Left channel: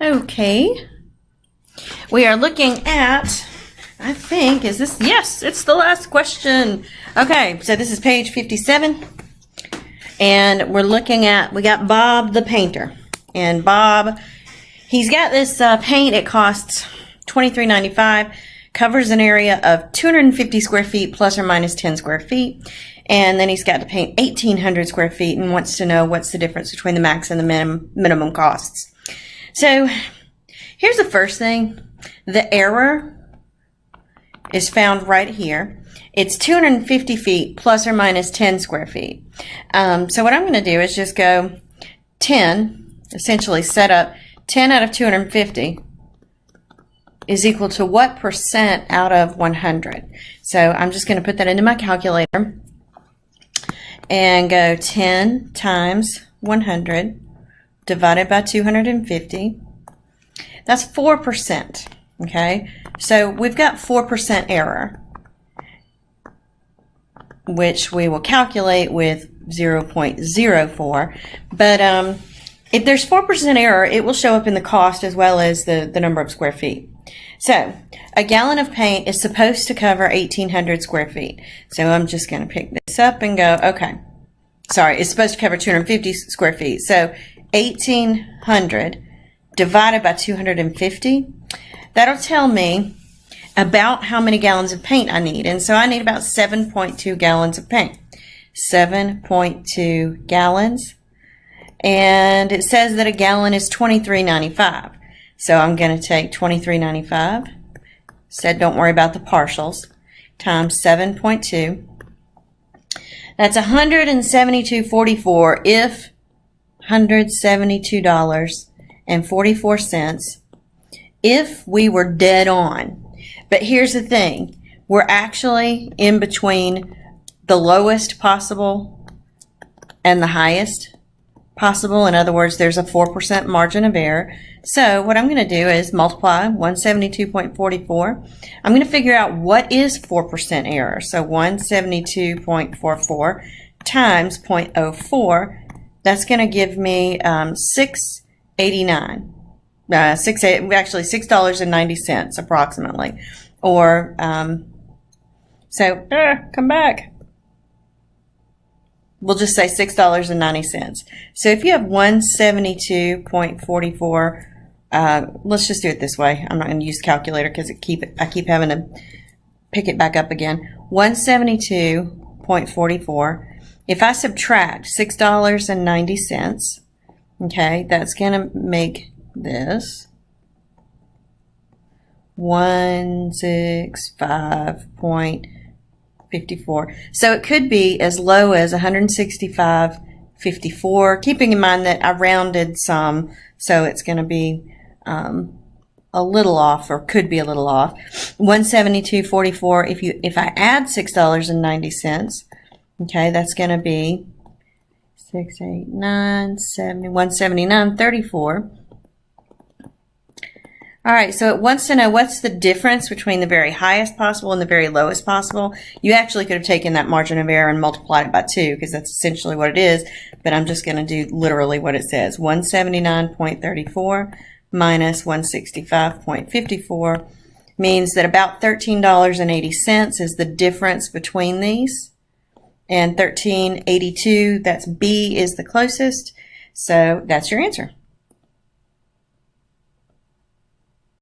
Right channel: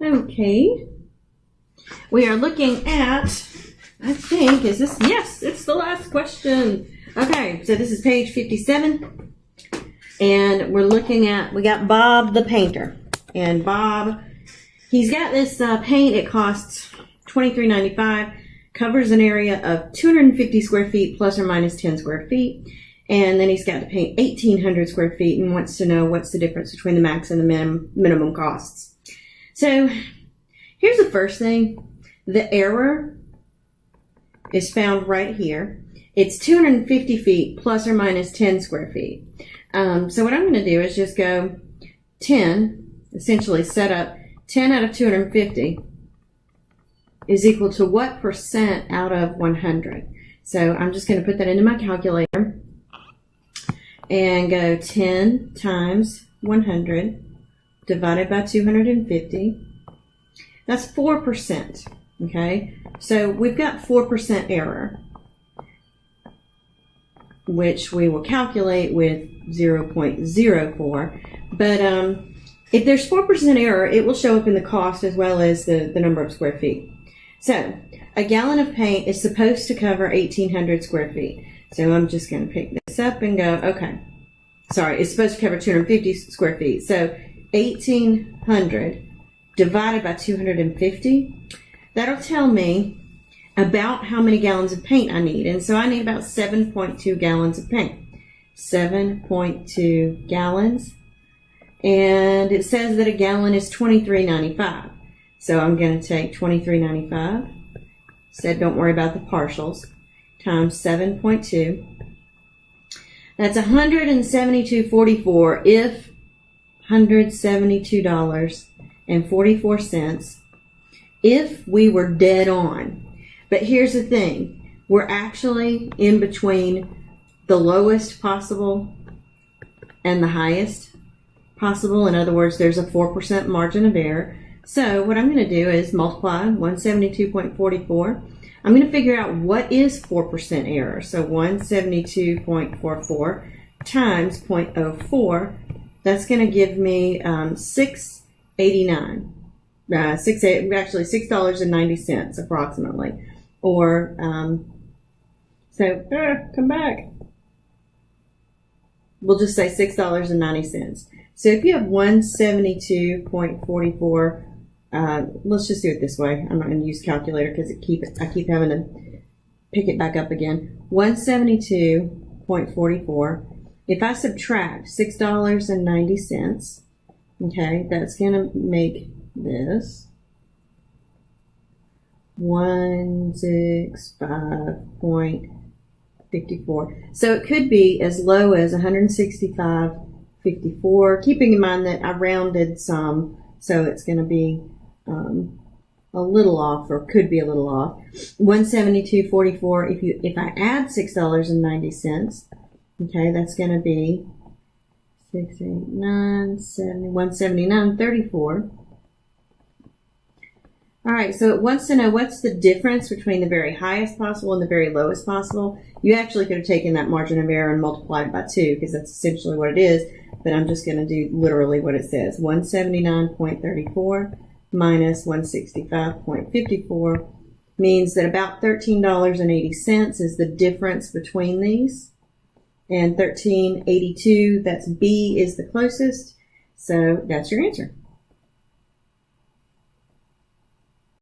Okay. We are looking at, I think, is this, yes, it's the last question. Okay, so this is page 57. And we're looking at, we got Bob the painter. And Bob, he's got this paint. It costs $23.95. Covers an area of 250 square feet plus or minus 10 square feet. And then he's got to paint 1,800 square feet and wants to know what's the difference between the max and the minimum costs. So here's the first thing. The error is found right here. It's 250 feet plus or minus 10 square feet. So what I'm going to do is just go 10, essentially set up 10 out of 250 is equal to what percent out of 100. So I'm just going to put that into my calculator and go 10 times 100 divided by 250. That's 4%. Okay, so we've got 4% error, which we will calculate with 0.04. But if there's 4% error, it will show up in the cost as well as the number of square feet. So a gallon of paint is supposed to cover 1,800 square feet. So I'm just going to pick this up and go, okay. Sorry, it's supposed to cover 250 square feet. So 1,800 divided by 250, that'll tell me about how many gallons of paint I need. And so I need about 7.2 gallons of paint. 7.2 gallons. And it says that a gallon is $23.95. So I'm going to take $23.95. Said don't worry about the partials. Times 7.2. That's $172.44 if $172.44 if we were dead on. But here's the thing. We're actually in between the lowest possible and the highest possible. In other words, there's a 4% margin of error. So what I'm going to do is multiply 172.44. I'm going to figure out what is 4% error. So 172.44 times 0.04. That's going to give me $6.89. Actually $6.90 approximately. Or, come back. We'll just say $6.90. So if you have 172.44, let's just do it this way. I'm not going to use the calculator because I keep having to pick it back up again. 172.44. If I subtract $6.90, okay, that's going to make this 165.54. So it could be as low as 165.54, keeping in mind that I rounded some, so it's going to be a little off, or could be a little off. 172.44. If I add $6.90, okay, that's going to be 6, 8, 9, 70, 179.34. All right, so it wants to know what's the difference between the very highest possible and the very lowest possible. You actually could have taken that margin of error and multiplied it by 2 because that's essentially what it is, but I'm just going to do literally what it says. 179.34 minus 165.54 means that about $13.80 is the difference between these. And $13.82, that's B, is the closest. So that's your answer.